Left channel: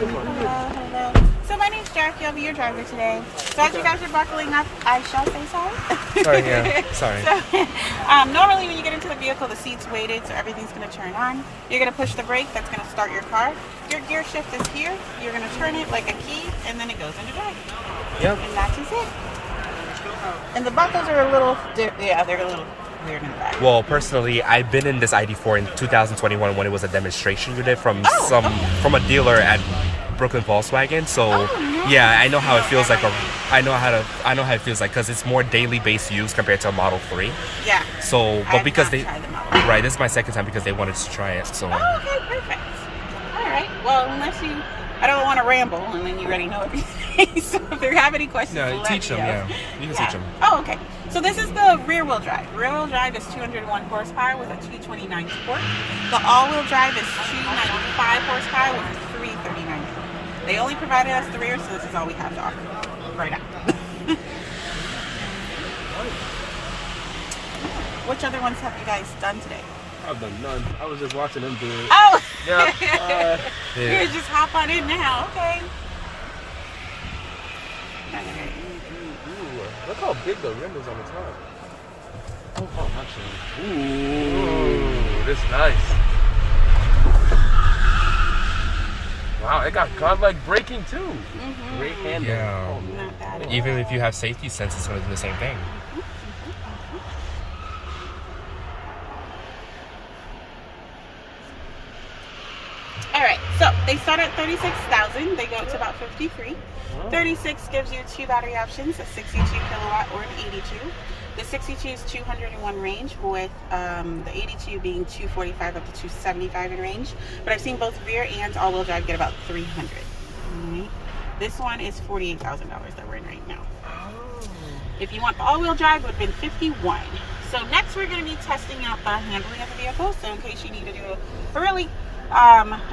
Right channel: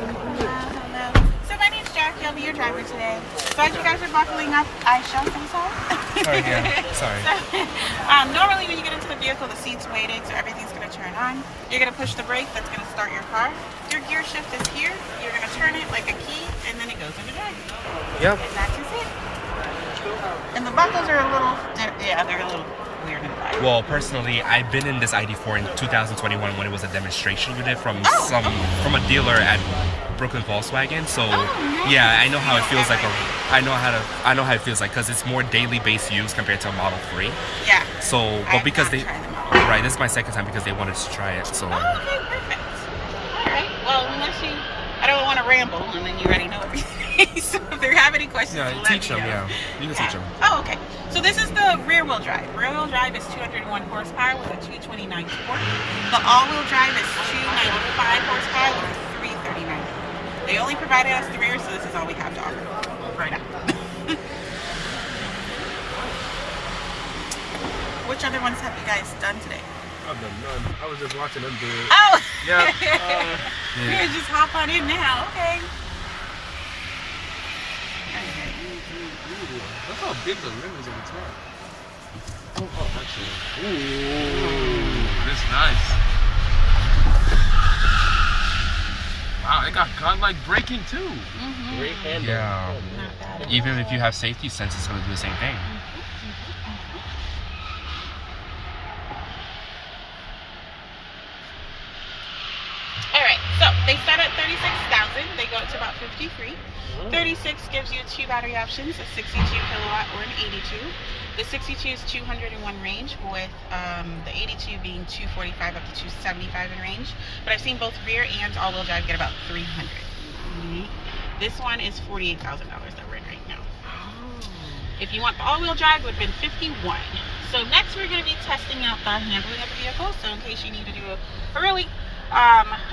Hello. So my name's Jackie. I'll be your driver today. So as you guys are buckling up, I shall say so. Sorry, yeah. Sorry. So, normally when you get into the vehicle, the seat's weighted, so everything's going to turn on. You're going to push the brake. That's going to start your car. Your gear shift is here. You're going to turn it like a key, and then it goes into drive. Yep. And that's just it. And the buckles are a little, they're a little weird in the back. Well, personally, I've been in this ID.4 in 2021 when it was a demonstration unit from from a dealer at Brooklyn Volkswagen. So yeah, I know how it feels like. I know how it feels like because it's more daily based use compared to a Model 3. Yeah. So, but because they, right, this is my second time because they wanted to try it. So. Oh, okay, perfect. All right. Well, unless you, I don't want to ramble, and then you already know everything. So if they have any questions, teach them. Yeah, you can teach them. Oh, okay. So this is the rear-wheel drive. Rear-wheel drive is 201 horsepower with a 229 torque. The all-wheel drive is 295 horsepower with a 339. They only provided us the rear, so this is all we have to offer right now. Which other ones have you guys done today? I've done none. I was just watching them do it. Oh! Yeah. You just hop on in now. Okay. Look how big the rim is on the top. Oh, that's it. Ooh, this is nice. Wow, it got godlike braking too. Great handle. Yeah. Oh, man. Even if you have safety sense, it's going to do the same thing. All right, so they start at 36,000. They go up to about 53. 36 gives you two battery options, a 62 kilowatt or an 82. The 62 is 201 range, with the 82 being 245 up to 275 in range. But I've seen both rear and all-wheel drive get about 300. This one is $48,000 that we're in right now. If you want the all-wheel drive, it would have been 51. So next we're going to be testing out the handling of the vehicle. So in case you need to do a really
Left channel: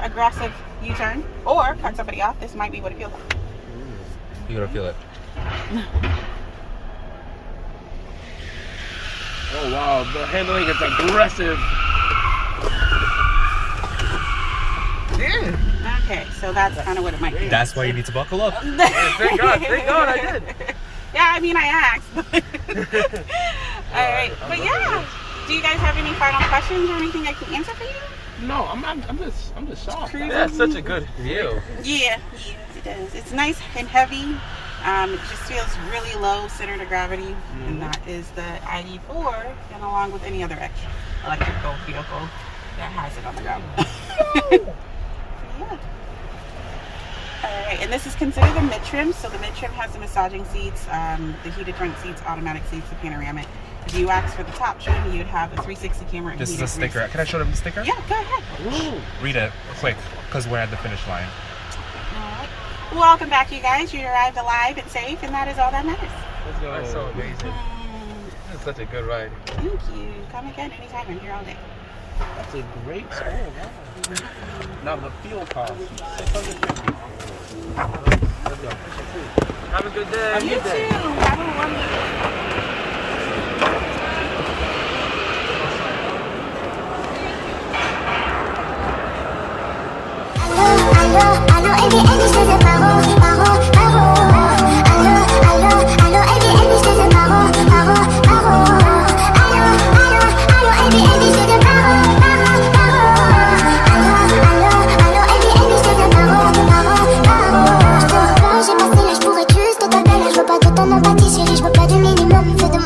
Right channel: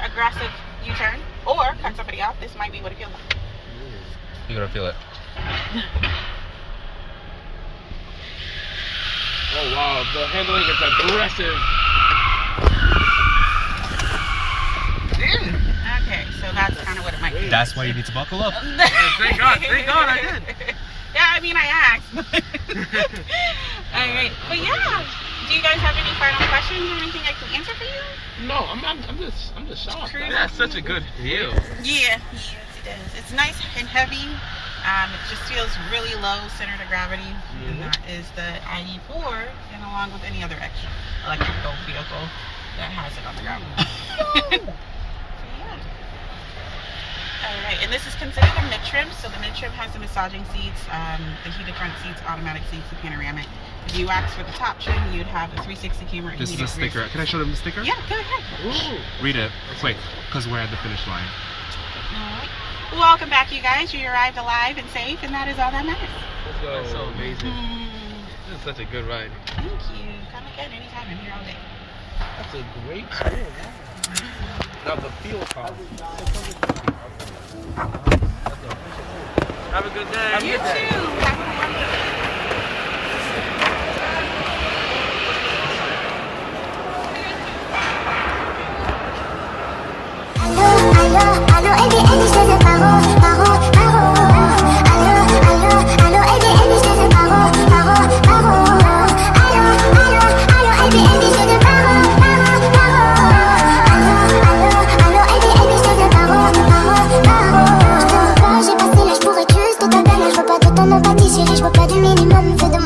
aggressive U-turn or cut somebody off, this might be what it feels like. You're going to feel it. Oh wow, the handling is aggressive. Okay, so that's kind of what it might be. That's why you need to buckle up. Thank God I did. Yeah, I mean, I asked. All right, but yeah. Do you guys have any final questions or anything I can answer for you? No, I'm just shocked. That's such a good feel. Yeah, it is. It's nice and heavy. It just feels really low center to gravity, and that is the ID.4, and along with any other extra electrical vehicle that has it on the ground. Yeah. All right, and this is considered the mid-trim. So the mid-trim has the massaging seats, the heated front seats, automatic seats, the panoramic. If you ask for the top trim, you'd have a 360 camera. This is a sticker. Can I show them the sticker? Yeah, go ahead. Ooh. Read it quick, because we're at the finish line. Welcome back, you guys. You arrived alive and safe, and that is all that matters. Let's go. That's so amazing. This is such a good ride. Thank you. Come again anytime. I'm here all day. That's a great score. Wow. Now the fuel cost. 650. Let's go. Have a good day. You too. Have a wonderful day. Allô, allô, allô, et bien, je te paro, paro, paro.